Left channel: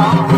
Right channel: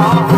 아!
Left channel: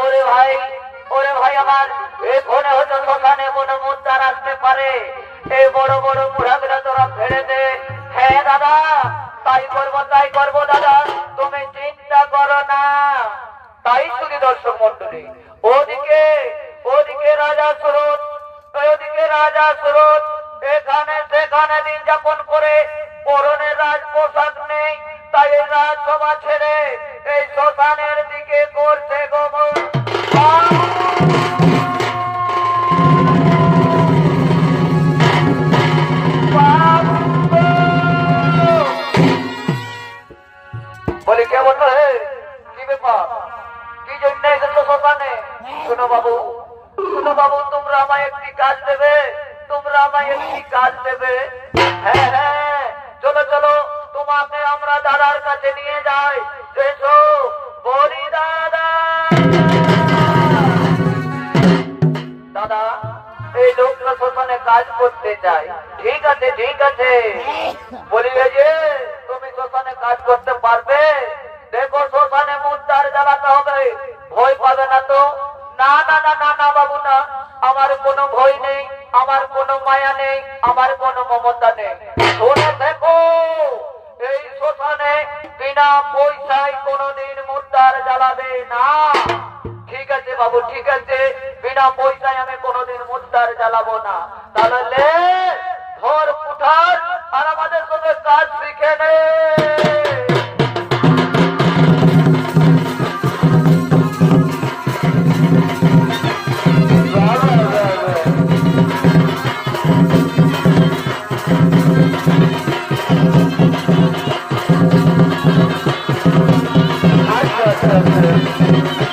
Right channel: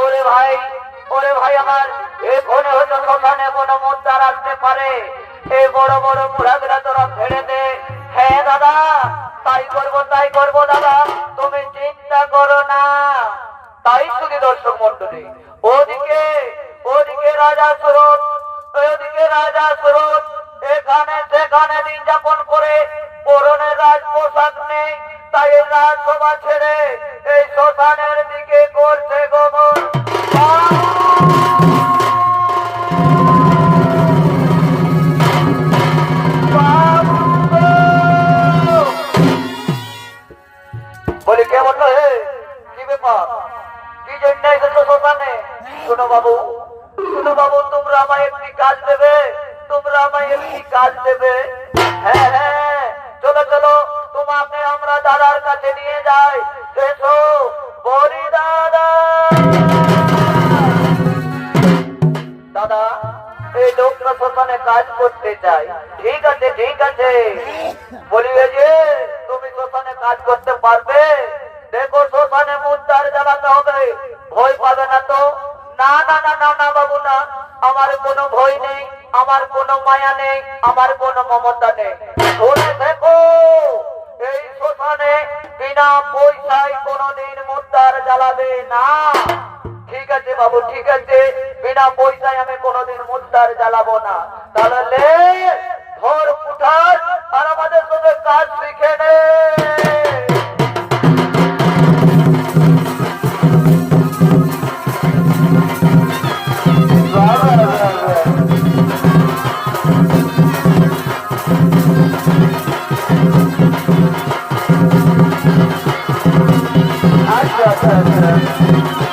ওরে ভাই ওরে ভাই আমার এই ফোনে হয়তো সকালে কোনো মুদ্রার আসতে পারে। এই বড় বড় মুড়াগুলা তোরা ফেলে দে। হ্যাঁ দাদা, তাই করব তাই করব, দাদা, তুমি চিন্তা করো না। তাই শুধু দর্শক মন্ডলী ওদিকে ওদিকে রাজা সুরত, ওদিকে রাজা সুরত, এখানে সেখানে দিন যাপন করে পরনে রাজ পোশাক নেই তাই রাজসভা ছেড়ে এই শ্মশানের দিকে করছে চলো তোমাকে আমরা দাদার কাছে নিয়ে যাই। এসো, বলি দাদা। দাদা, এই লোকটা শ্মশানে কাজ করতে চাই। ঠিক আছে ঠিক আছে। বলিবে যে, তুমি শ্মশানে কাজ করতে পারবে। দেখো শ্মশানে মুদ্রার জ্বালাতে হবে। ভয় পাবে না তো? না না না না না, বাবু, না। আমার কোনো ভয় নেই, আমার কোনো মায়া নেই, আমার কোনো মমতা নেই। বিনা পয়সায় কোনোদিন মুদ্রার জ্বালাবে না। ঠিক আছে বাবু, ঠিক আছে। বিনা পয়সায় আমি কোনোদিন মুদ্রার জ্বালাবো না। তাহলে Thank you.